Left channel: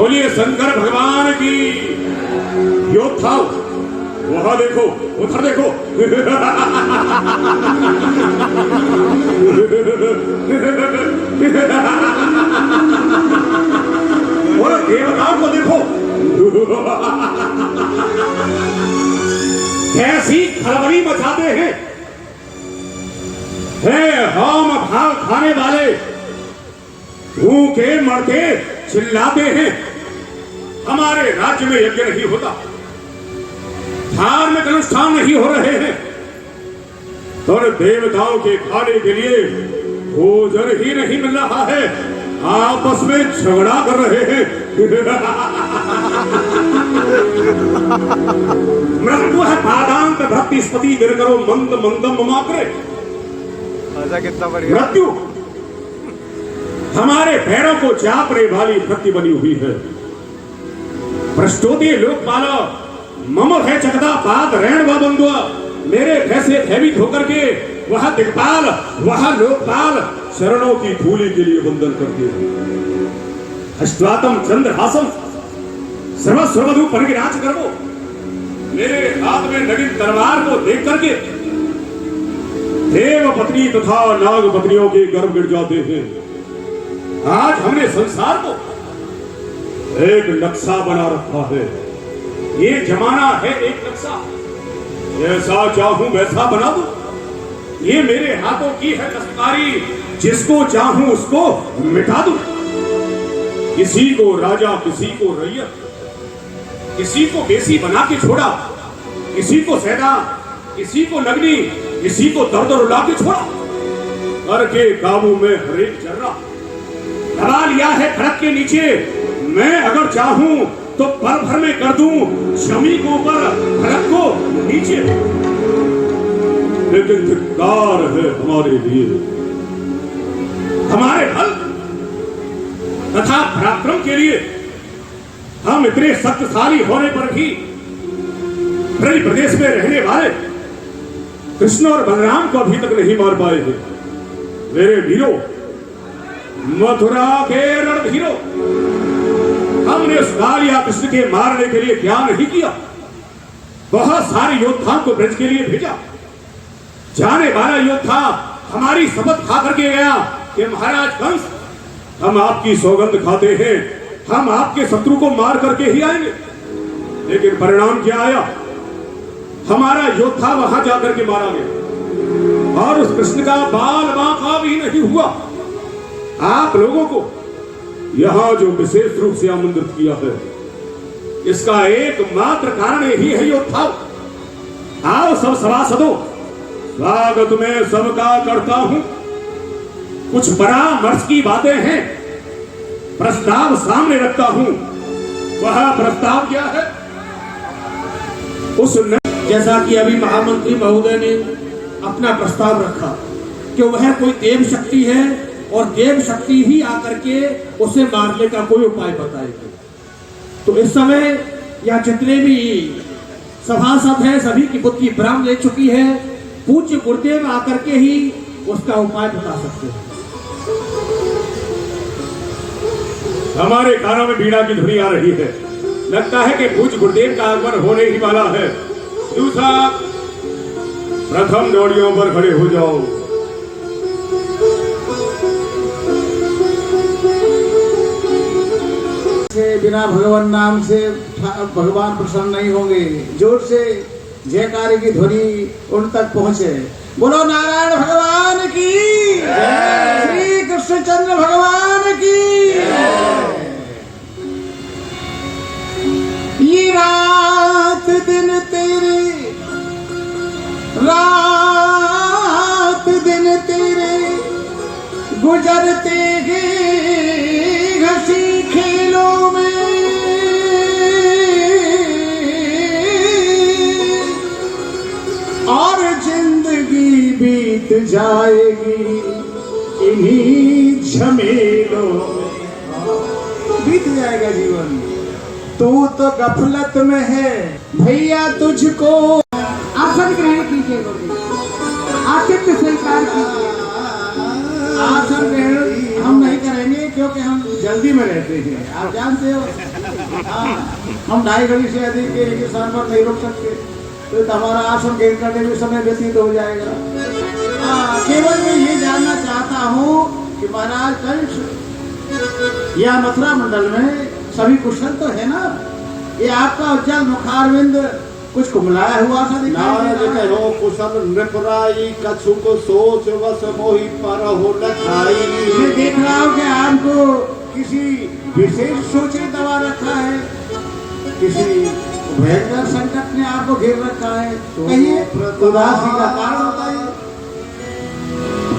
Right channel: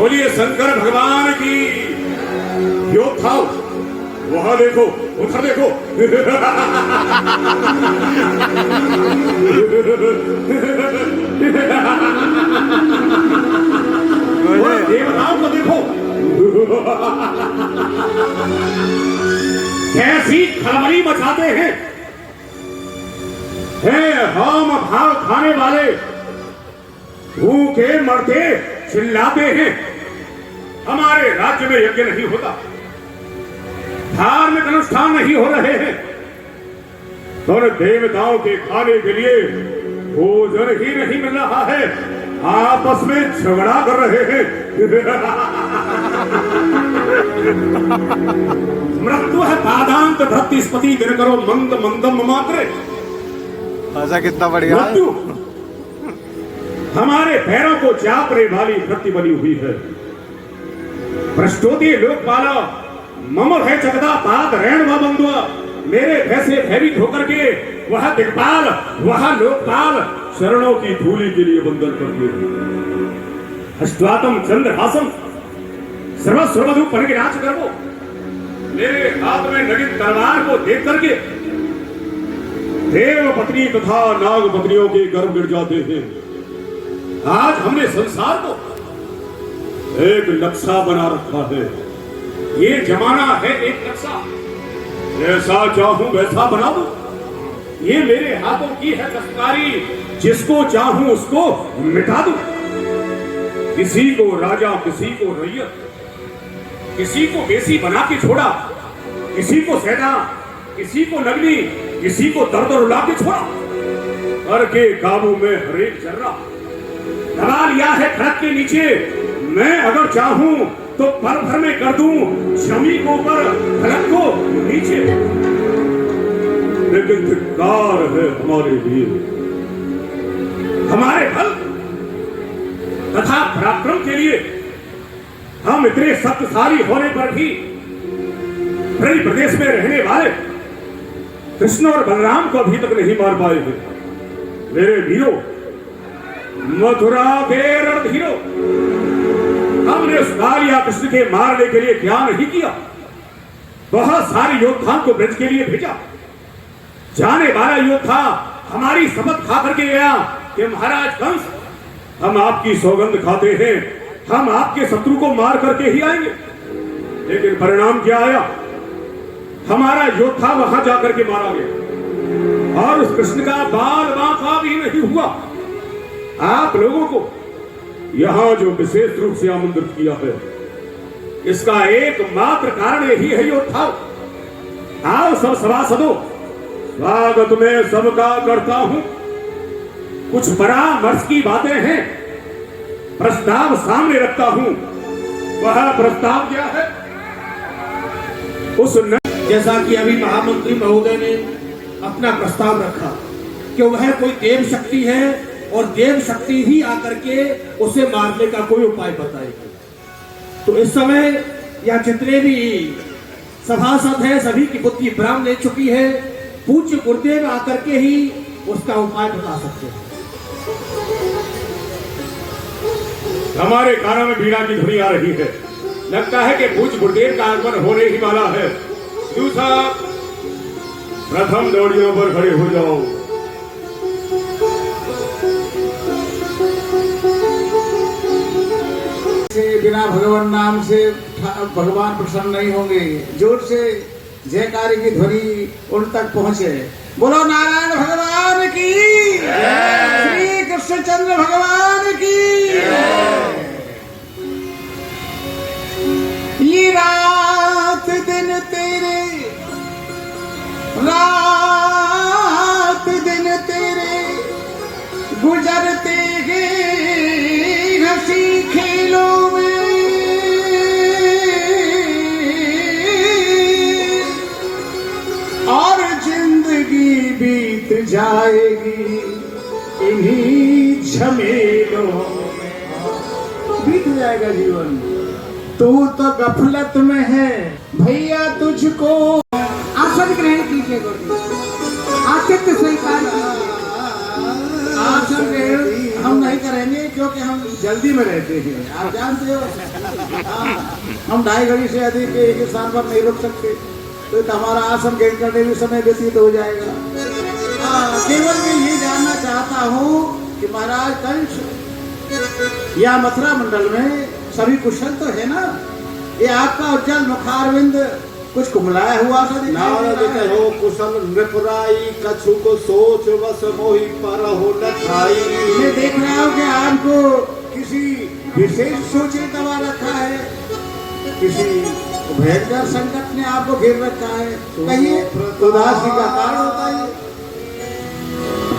बोलिए शंकर भगवान की। योद्धा वहां देखो, उधर देखो। और देवताओं को देखो, कैसी खलबली मचाते हैं। हम भाव खाने वाले भूखे मरते चिल्लाते हैं। हमारे राज्य में यज्ञ नहीं होता, धार्मिक अनुष्ठान नहीं हो रहे हैं, और देवताओं के खाने के लिए भोजन ही नहीं मिल रहा है। आपस में झगड़ा कर रहे हैं। मृत्यु है पादांत धरती स्पति गिरकरो मंद मंदम मात्र। ऐसा कितना बढ़िया। मृत्यु हमारे पैरों को चापने वाली भक्ति बनी हुई है। प्रस्तुति लोकपाला मम है जगदा पाद रैण व बंधुआ। मेरे भैसे भयभीत होकर के वह दिक्पाल, वह लोकपाल शरणों की धूली के लिए वंदन करते हैं। अष्टातम चंद्रहासम सर्वस्वधु परिराज करो। मेरे हाथ में नगिन तलवार को देख करके देव पत्नी तथा नाग पत्नियों के गर्भ गिर जाते हैं। आज हमने संसार को एक नक्शा बना रखा है। ये जमाना है एक नक्शा, जैसा चाहूं वैसा बना दूं। ये मेरे हाथों की है दस्तकारी, जिसको चाहूं उसको मिटा दूं। किसी को राजा, किसी को रैयत, किसी को देसी बना के छोड़ा, किसी को सैदा, किसी को नगनी, किसी को दर्द रुला के छोड़ा। कर के काबू में हरेक जर्रा दबा लिया है ट्रक के नीचे। मैं अगर चाहूं तो पल भर में कर दूं जमी को ऊपर, ट्रक को नीचे। लेकिन धिक्कार है हमारे लिए, हमारे बल तथा पराक्रम के लिए। हम इतने शक्तिशाली होने पर भी ब्रज प्रदेश में रहने वाले कृष्ण और बलराम को अभी तक नहीं मार पाए थे। मेरे वीरों, मथुरा के रणधीरों, हमने उस कालिया कृष्ण के मारने के लिए क्या नहीं किया। बहुत सारे योद्धाओं को ब्रज के लिए भेजा। जाने वाला योद्धा हमारी शपथ खा करके गया कि महाराज कंस, हम आपकी सौगंध खाते हैं, हम आपके शत्रु को मार करके ही आएंगे। लेकिन परिणाम क्या आया? हमारा योद्धा वहां जाकर के मारा गया और उस कृष्ण का बाल बांका भी नहीं हुआ। आप लोगों को यहां जो विशेष रूप से आमंत्रित किया है, इसका एकमात्र कारण यही है योद्धा। आओ सब सभासदों, स्वागत में सबका करता हूं। कुछ परामर्श की बातें हैं, प्रस्ताव सामने रखता हूं। वह प्रस्ताव क्या है? उस जैसा कि अभी महामंत्री महोदय ने अपना प्रस्ताव रखा कि वह कोई देव शक्ति है और देव शक्ति ही आकर के उसे मारने का कोई उपाय बताएगी। तो इस समय यह जितने भी सभासद हैं सभी की बुद्धि ब्रह्म ले चुकी है। पूज्य गुरुदेव आकर के ही उसका उपाय बता सकते हैं। हमारे कानों में बीड़ा की ध्वनि आ रही है। लगता है कि पूज्य गुरुदेव का आगमन होने ही वाला है। दूसरा, प्रथम डोरियों पर खड़े हो जाओ। बिना भगवान नाम से भगवान प्रसन्न नहीं होंगे। जोर से जयकारे की ध्वनि उन तक पहुंचे। बोलो नारायण भगवान की, श्री कृष्णचंद्र भगवान की। ये रात दिन तेरे, रात दिन तेरे गुजरते हैं हंसी खेलों में। और जिंदगी बीत जाएगी इन्हीं झमेलों। बीत जाएगा जीवन। तू तो गफलत में है भैया, तुझको आसन ग्रहण कीजिए, आतिथ्य स्वीकार कीजिए। आसन ग्रहण हम नहीं करेंगे क्योंकि हम जल्दी में रहते हैं, आप जानते हो। हाँ, हम 2.5 घड़ी से अधिक एक स्थान पर नहीं रुक सकते, तो हमारा आसन ग्रहण करने में समय व्यतीत हो जाएगा। हाँ, केवल मैं ये जानना चाहता हूँ कि महाराज कंस या मथुरा मंडल में सभी कुशल तो है ना? ये आपका उज्जवल मुखारविंद कुछ कुमलाया हुआ सा दिखाई नारद दे रहा है। कहो कुशल नृपुराई, कछु को सोच वस मोहि पर हो न खाई। मैं देख रहा हूँ कि आपको किसी विशेष सोचे दबा रखा है, किसी भयंकर संकट ने आपको घेर रखा है, कहिए उदासी का कारण होता है।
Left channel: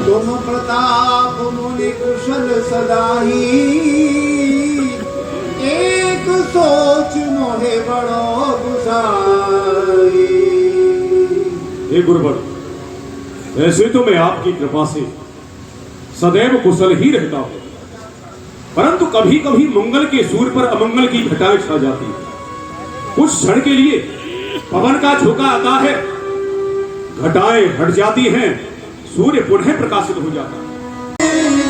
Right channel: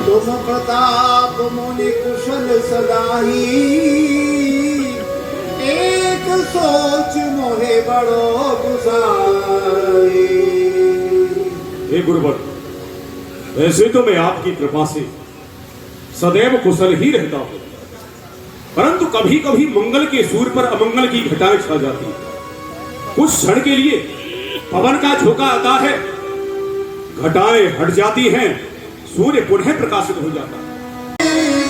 तुम प्रताप मुनि कुशल सदाही, एक सोच मोहे बड़ो गुसाई। हे गुरुवर, वैसे तो मैं आपकी कृपा से सदैव कुशल ही रहता हूं, परंतु कभी कभी मंगल के सूर पर अमंगल की घटाएं छा जाती है। उस क्षण के लिए पवन का झोंका आता है, घटाएं हट जाती हैं, सूर्य पुनः प्रकाशित हो जाता है।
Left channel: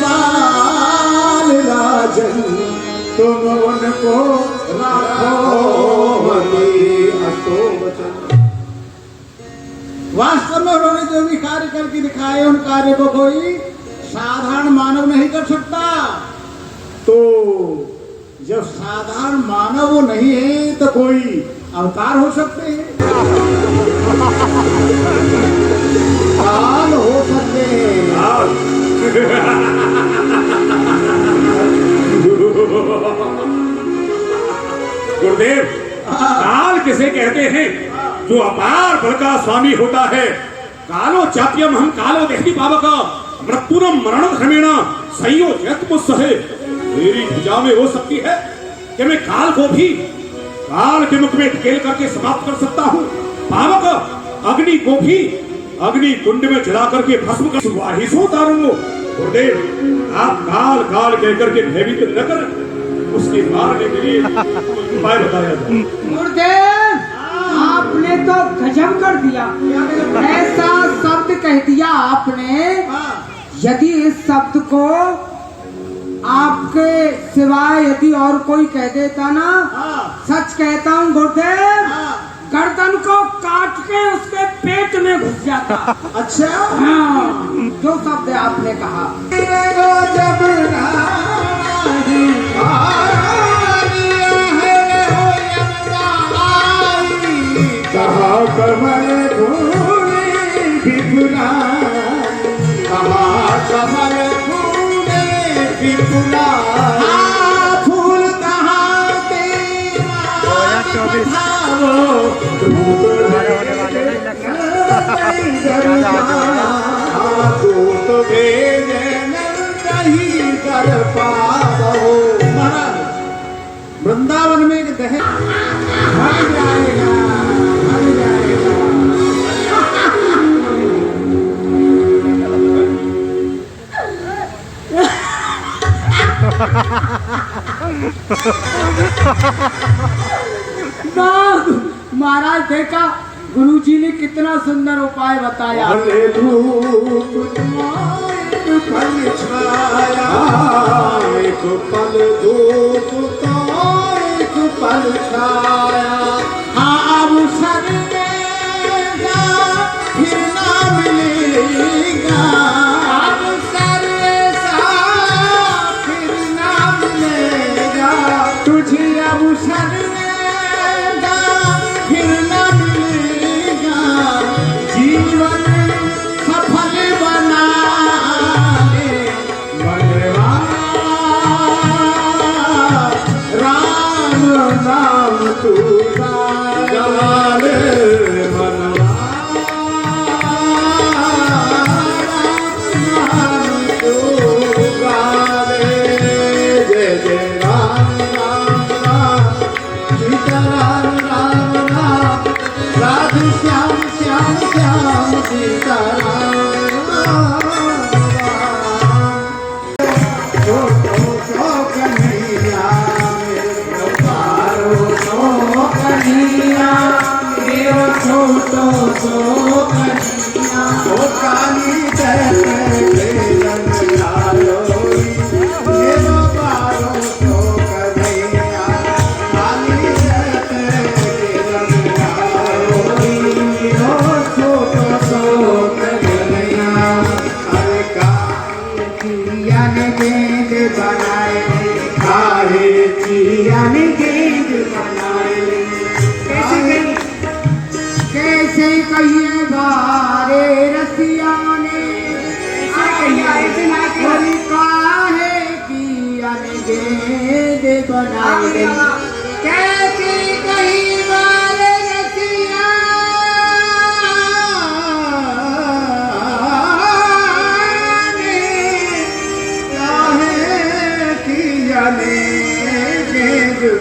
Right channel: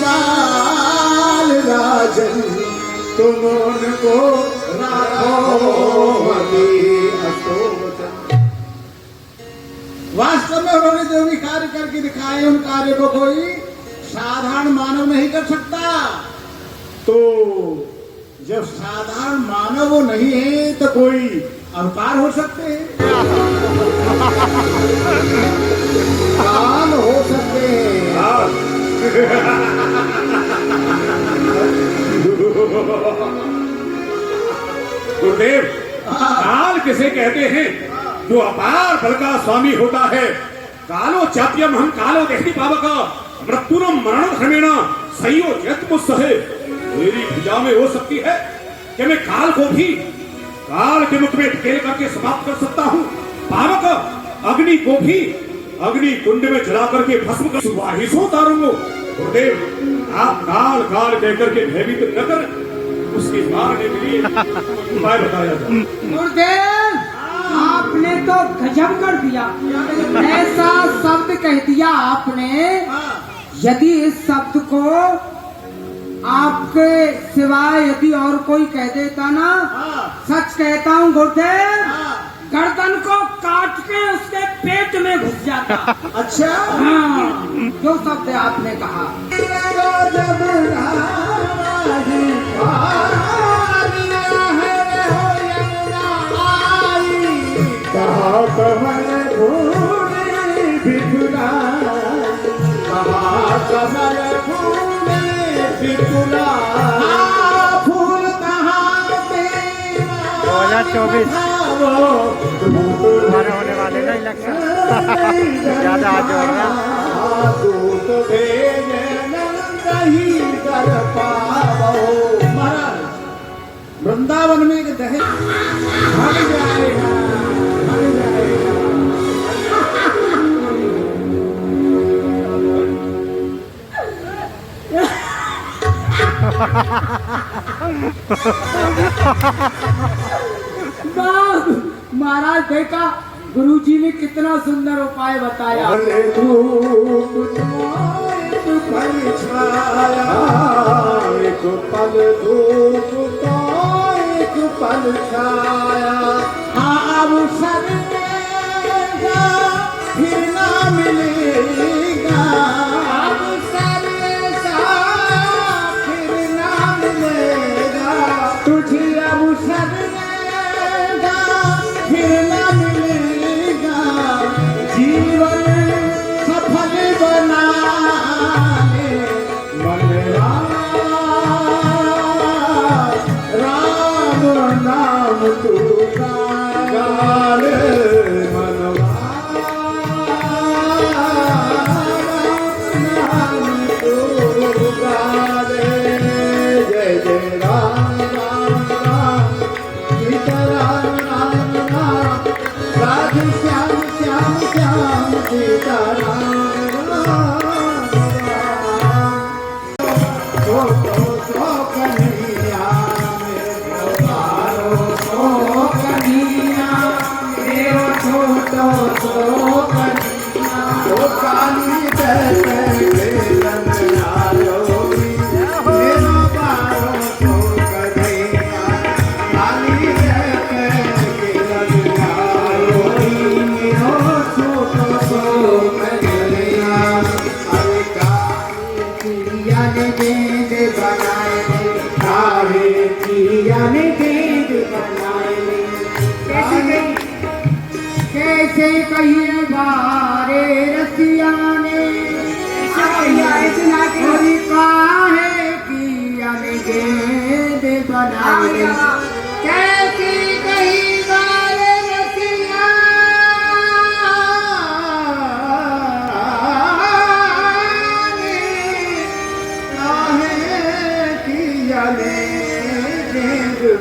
बाल राजन तुम उनको राखो वास्तव में उन्होंने जो भी कार्य करके दिखाए, उन कार्य को कोई साधारण मानव नहीं कर सकता। तो जब साधारण मानव वो नहीं है तो कोई अवतार हो सकते हैं, काल हो सकते हैं। गुरुदेव, काल किसे कहते हैं? जो अपार बल का स्वामी होता है। कालो चाप्यम हम कालो देहती पावक मृत्युरम मरण क्रमेण संयोजयत मुत्सहे। मेरी भुजा में हो सकती है कि मैं काल को भी काल के मुख में ढकेल करके समाप्त कर सकता हूँ। पावक अग्नि को भी अग्नि कुंड में जला करके भस्म कर सुवाहिसों तारूंगो। गुरुदेव, आप काल काल कहकर के भयभीत न कर, उसके मारने के लिए उपाय बताया जाए। गुरुदेव, आपने तो गजब कर दिया, ऐसा शब्द कह दिया आपने। यदि इस शब्द को आपके सिवाय यदि और कोई कह देता ना, सच कहता हूँ गुरुदेव, गर्दन को काट के उसके पेट में घुस जाता। अच्छा, हाँ, जो शब्द आपने कहा। कहाँ कमल फूले बिगुला, कहाँ कमल फूले बिगुला, फूल कहाँ तेरा 2024 तुम्हारे होने वाले ना इलेक्शन ज्यादा आगे बढ़ गया। तो भेजे नहीं कर पाओ। महाराज, वृंदावन में एक दहेज भाग जाएगा, भाग जाएगा। महाराज देखा, गुरुजी ने कितना सुंदर उपाय बताया। भले धूप तो एक पल छाया, एक पल धूप तो एक पल छाया। अवसर देगा फिर ना मिलेगा, अवसर सा फिर ना मिलेगा। तुझे अवसर देगा फिर ना मिलेगा, जीवन सफल बना ले मनवा, राम नाम तू गा ले मनवा, राम तू गा ले। जय जय राम राम राम, सीता राम राम राम, राधे श्याम श्याम श्याम, सीता राम राम राम। शोक कन्हैया मेरे पारो, शोक कन्हैया कियाने गेंद बनाए। कैसे कहीं बारे रसिया ने काहे कियाने गेंद बनाए। कैसे कहीं बारे रसिया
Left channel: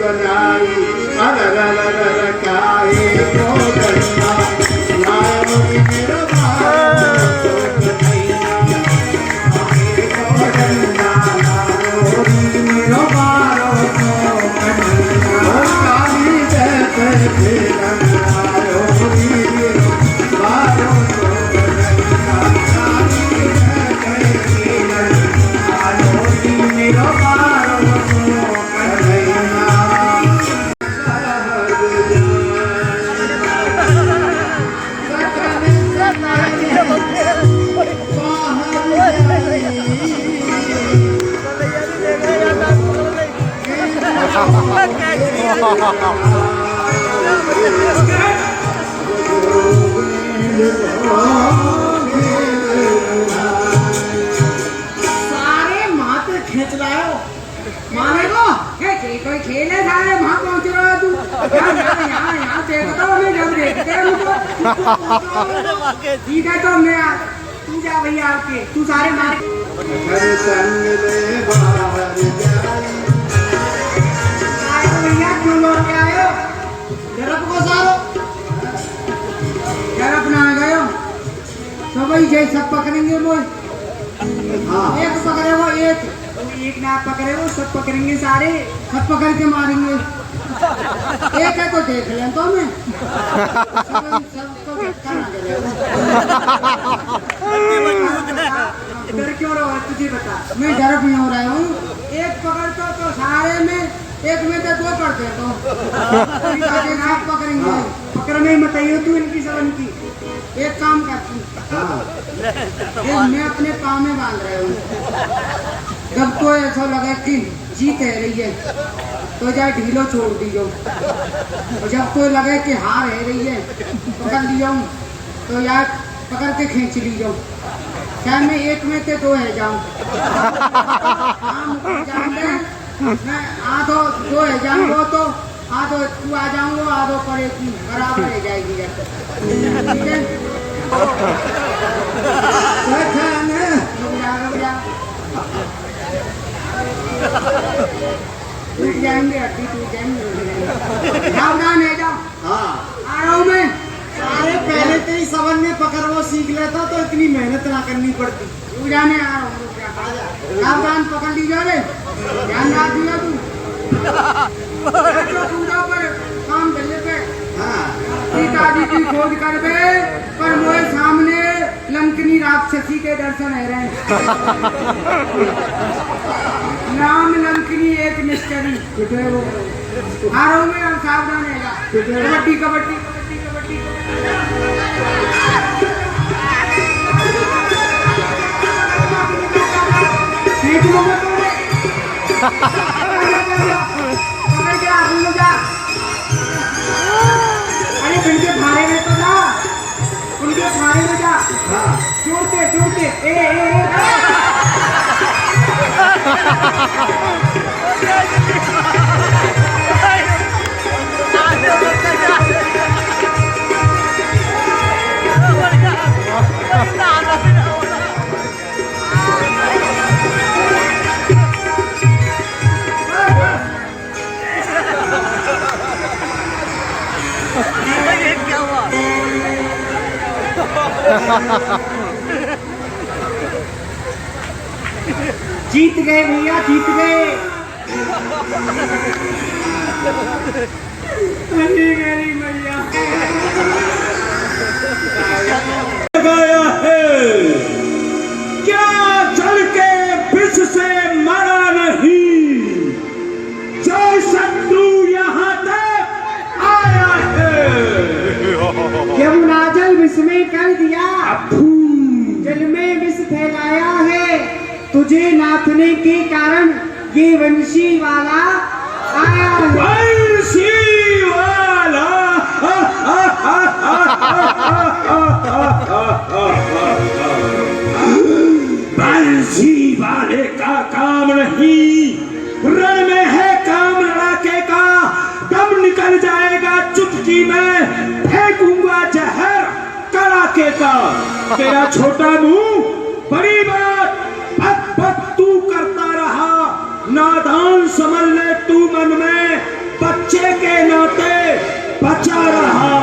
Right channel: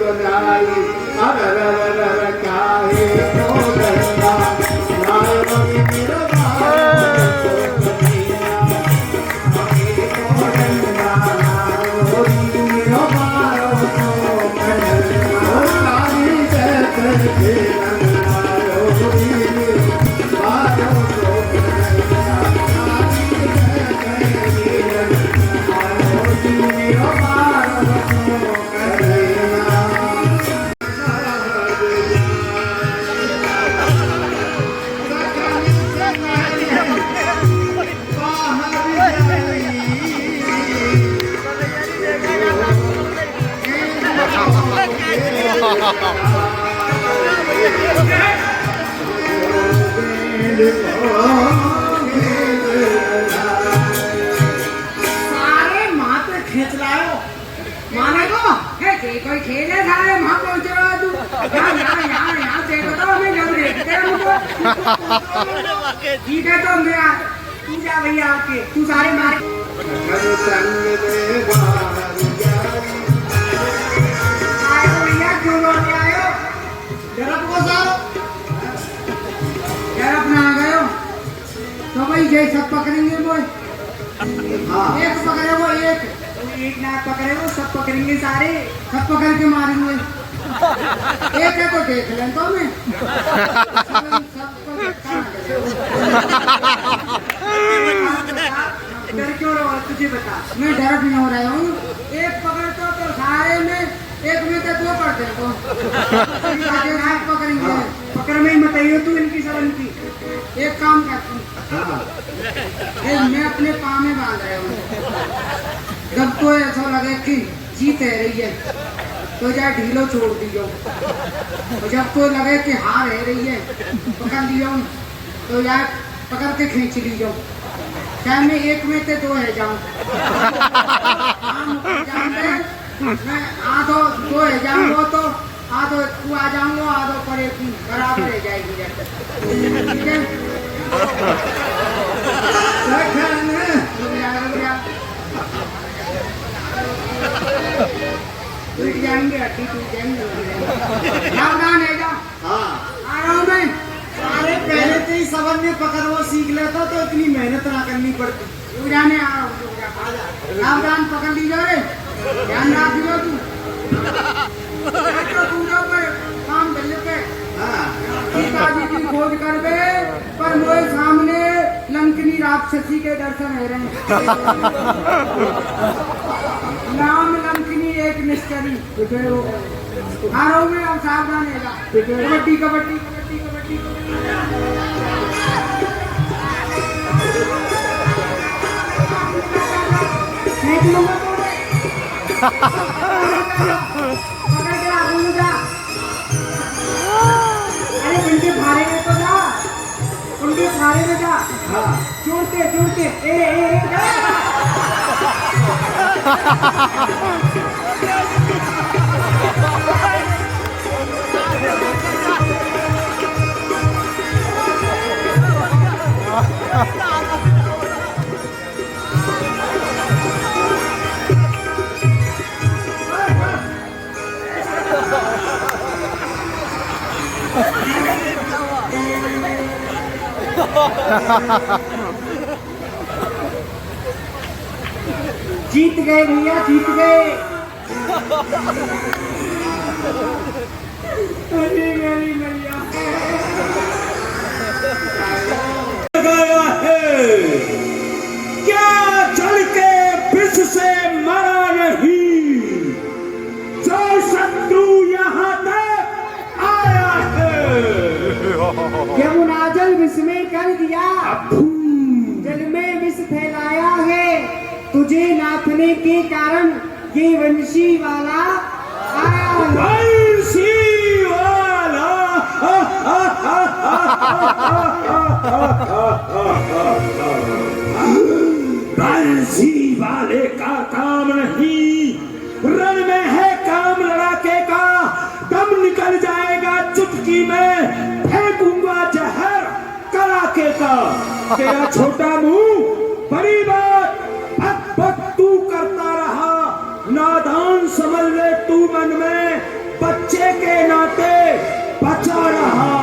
बनाई अरे क्या सारे मात्र खींच लाओ माने को कोई खेल है सारे वहां पहुंच रहा है तू यहाँ देख रहा हूँ मैं जब देखते हैं मुझको ठीक है तो मेरा तू जा भैया आपके तू सारे मारे भैया क्यों लोग आए हो डरप को सारो डरप ना आ गए हो तो भाई जय सब पकड़ेंगे बोल एक पकड़े वो एक ना पकड़े वो सब पकड़ेंगे सारे सब पकड़ के मारेंगे एक है तो देख लें तो मैं सबको डर क्यों रहा है तुझे बता मैं डर भी हो रहा हूँ एक पकड़ तो सारे में एक में तो दो करते तो हाथ पकड़ेंगे पकड़ में ही बताइए तू इनकी सब इनकी एक काम करता हूँ मैं अपने पाँव में बांध रहा हूँ जब कोई ऐसा लगे कि जीत है रही है तो जाए ढीलो छोड़ दी जाओ और जब कोई लगे कि हार है रही है पकड़ लिया हूँ तो यार पकड़ के खींच ली जाओ चाहे मैं एक में से दो है जाऊँ मैं आधो दो है जाऊँगा तो आधो तू आ जाऊँगा आधो पड़ेगी बराबर है जाएगी ठीक है रुक जाएंगे हड्डी टूट जाएंगे सावधान है जाओ हाँ आ रहा हूँ मैं अरे पहले से ही सबन में पकड़ वो सीख लेता तो इतनी मेहनत ना करनी पड़ती। रुक जाने आ रहा हूँ सावधान पकड़ लीजिए रे ध्यान रख दियो तू पूजा पर काम करने पे सीताजी की खोज कर दे पर मोए सामने लंकनी राक्षसी के दर्शन है रहे नाम लंकनी एक मिस्टरी हारों में अब सावधान है कबड्डी कबड्डी कबड्डी कबड्डी पकड़ के आदमी जा अरे इनके भारे में तो जा इनके भारे में जा चूड़ते चूड़ते ए जीत गए भैया जीत गए अरे मेरी मैया लगाया है क्या चल के विष से मरा नहीं जय शत्रु यहाँ तक आया है यमुनाजल विष में कर दिया जल में विष फैलाया है तुझे नाथने के कारण ये वंशी वाला आ अग्नि में फेंकूंगा जहर कड़ाके का। तेरा छोटा मुंह बड़ी बात भक भक तू करता रहा, नादान समझ ले तू मन में, बच्चे के नाते बचा रहा।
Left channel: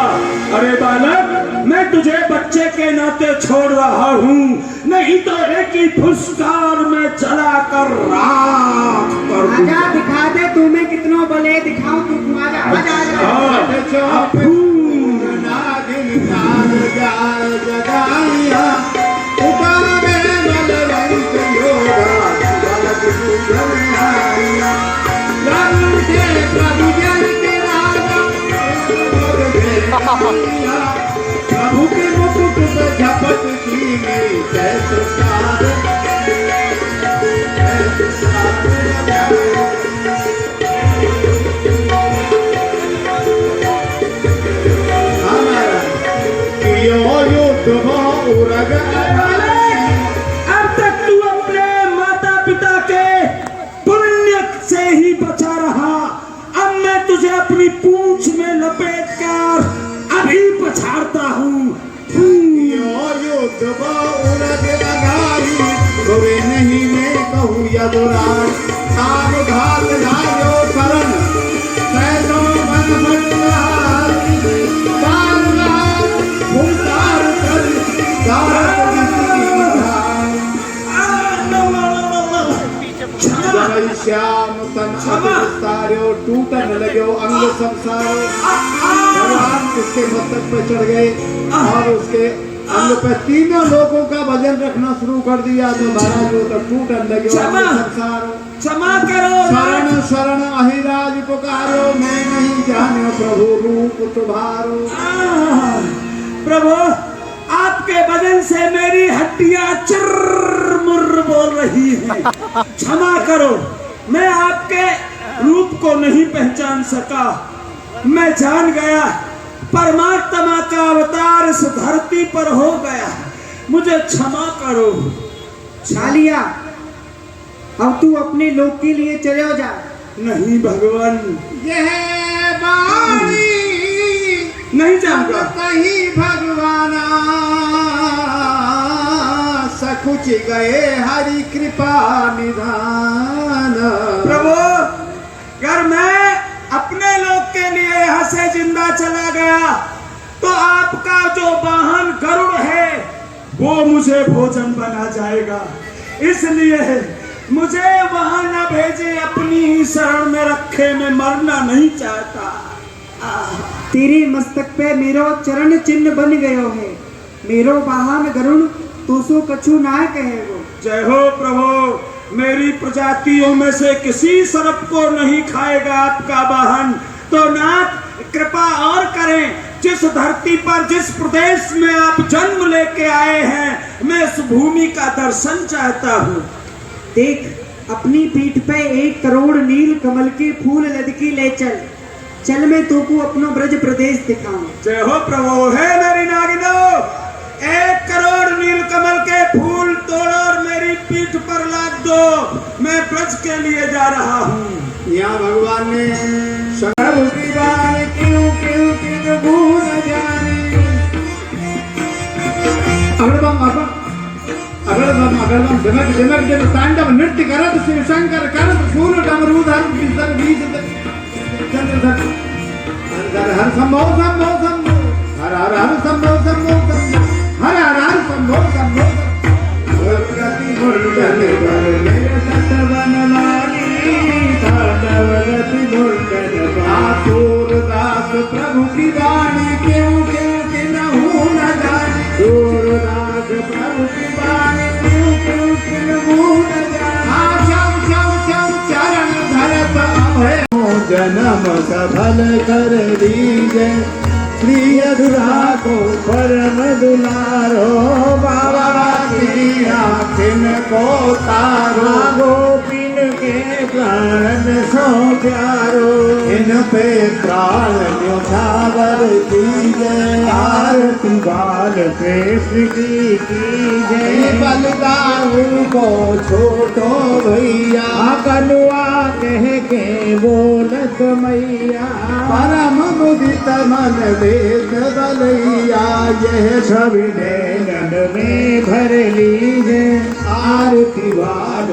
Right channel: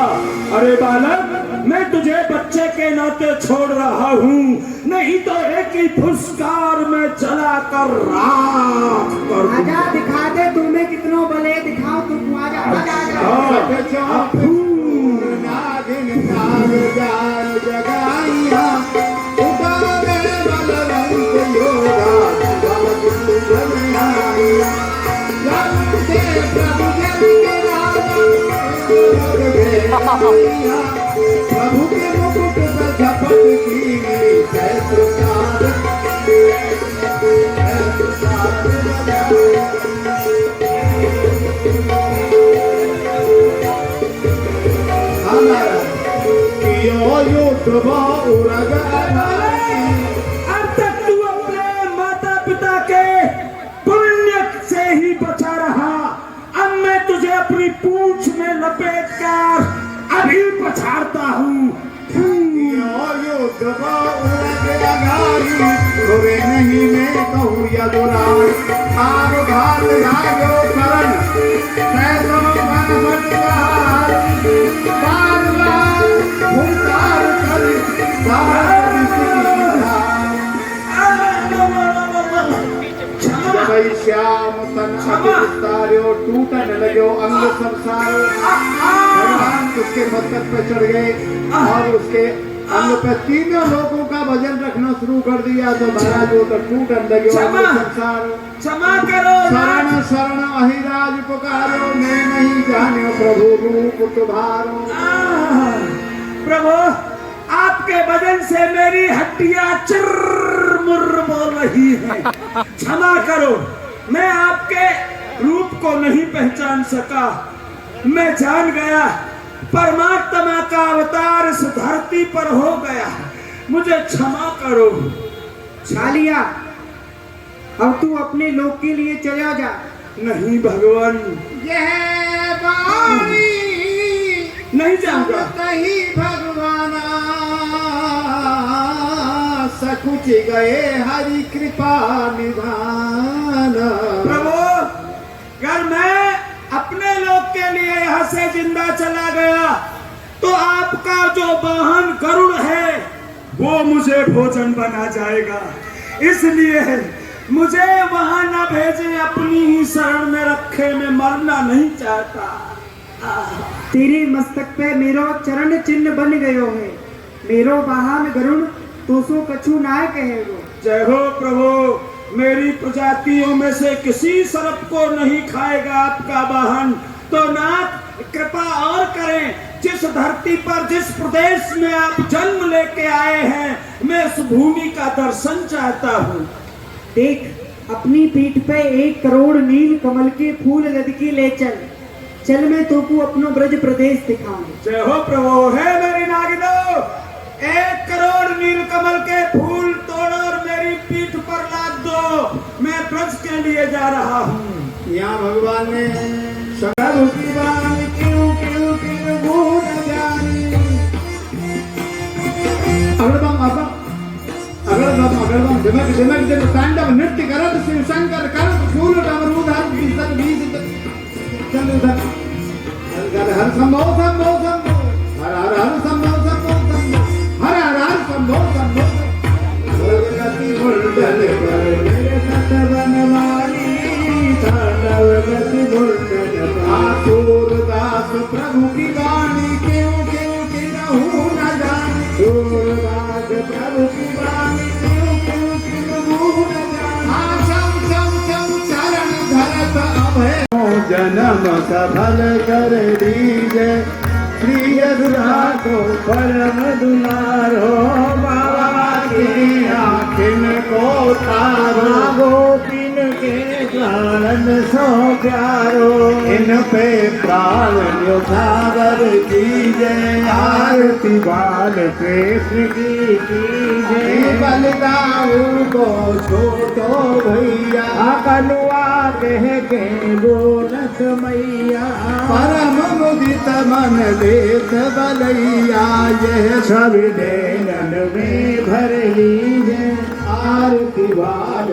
अरे बालक, मैं तुझे बच्चे के नाते छोड़ रहा हूँ, नहीं तो एक ही फुसकार में जला कर राख कर दूंगा। आजा दिखा दे तुम्हें कितनों बले दिखाऊं तुम। आजा आजा आजा। नागिन तार जाल जगाइया, उतर में बलवंत योगा, जगाइया। जब से प्रभु जन के राजा, प्रभु के मुकुट पर झपट की सहस्त्रकार, अब तक तू अपने माता पिता के पुण्य से ही बचा रहा, अब मैं तुझे अपनी पूंछ में लपेट कर अभी पछाड़ता हूँ। नहीं मैं कहूँ यदुराज, आग घात नायो करण, सैकड़ों घन भटकार, बार बार भूसार कर, दार जय श्याम तन तार्यो, टूटन लग्यो अंग संसारो। भगवान उसके मस्तक पर चढ़ गए और उसके अंग पर तीनों लोगों का वजन रखना शुरू कर दिया, तो महाराज वो तो टूटन लगे संसार। क्षमा करो। शरण शरण अहिराज पुकारो, मैं नहीं जानो प्रभु रूप तुम्हारो। प्रभु, आपके वजन से मेरी हड्डियां चिर्रमुर्र बोल रही हैं। क्षमा करो, मैं आपके रूप को नहीं पहचान सका। मैं जान गया परमात्मा का अवतार इस धरती पर हो गया, मुझे क्षमा करो। छालिया, अब तू अपने लोक के लिए चला जा। नहीं भगवान, यह बाणी नहीं जाऊंगा। कहीं भगवान सकुच गए, हरि कृपा निधान। प्रभु, अगर मैं अपने लोग के लिए यहाँ से जिंदा चला गया तो आपका जो वाहन गरुड़ है वो मुझे भोजन बना जाएगा, इसलिए मुझे वहां न भेजे, अपनी ही शरण में रखे, मैं मरना नहीं चाहता। तेरे मस्तक पे मेरो चरण चिन्ह बन गयो है, मेरो वाहन गरुड़ तो सो कछु ना कहेगो। जय हो प्रभु, मेरी प्रजातियों में से किसी सर्प को नहीं खाएगा आपका वाहन। तो नाथ कृपा और करें, जिस धरती पर जिस प्रदेश में आप जन्म लेके आए हैं, मैं उस भूमि का दर्शन चाहता हूँ। देख, अपनी पीठ पे 1 करोड़ नील कमल के फूल लदकी ले चल, चल मैं तोको अपना ब्रज प्रदेश दिखाऊं। जय हो प्रभु, है मेरी नागिनो, 1 करोड़ नील कमल के फूल तोड़ो और मेरी पीठ पर लाद दो, मैं ब्रज के लिए जा रहा हूँ। यहाँ भगवान ने सर्व दीवान क्यों क्यों क्यों भूल जानी। अगर जमक जमक जब तांडव नृत्य करत शिव शंकर करत फूल डमरू धर विसर गीत हर हर संभव संभव संभव हर हर हर संभव संभव संभव हर हर हर संभव संभव गति मुंडन पर मेरे सत बनवानी दानव गति मुंडन आसुर दास प्रभु की वाणी क्यों क्यों किन्हू न जाने। सूर दास प्रभु की वाणी क्यों क्यों किन्हू न जाने। चम चम चम चरण धरत अभय जन्म सफल कर दीजे। श्री यदुरा को परम दुलारो बाबा की आखिन को तारो। गोपिन के प्राण सो प्यारो इन पे प्राण न्योछावर कीजे। आरती बाल कृष्ण की कीजे। बलदाऊ को छोटो भैया कनुआ कह के बोलत मैया परम मुदित मन देत बलैया यह सब देंगन में भर लीजे आरती बार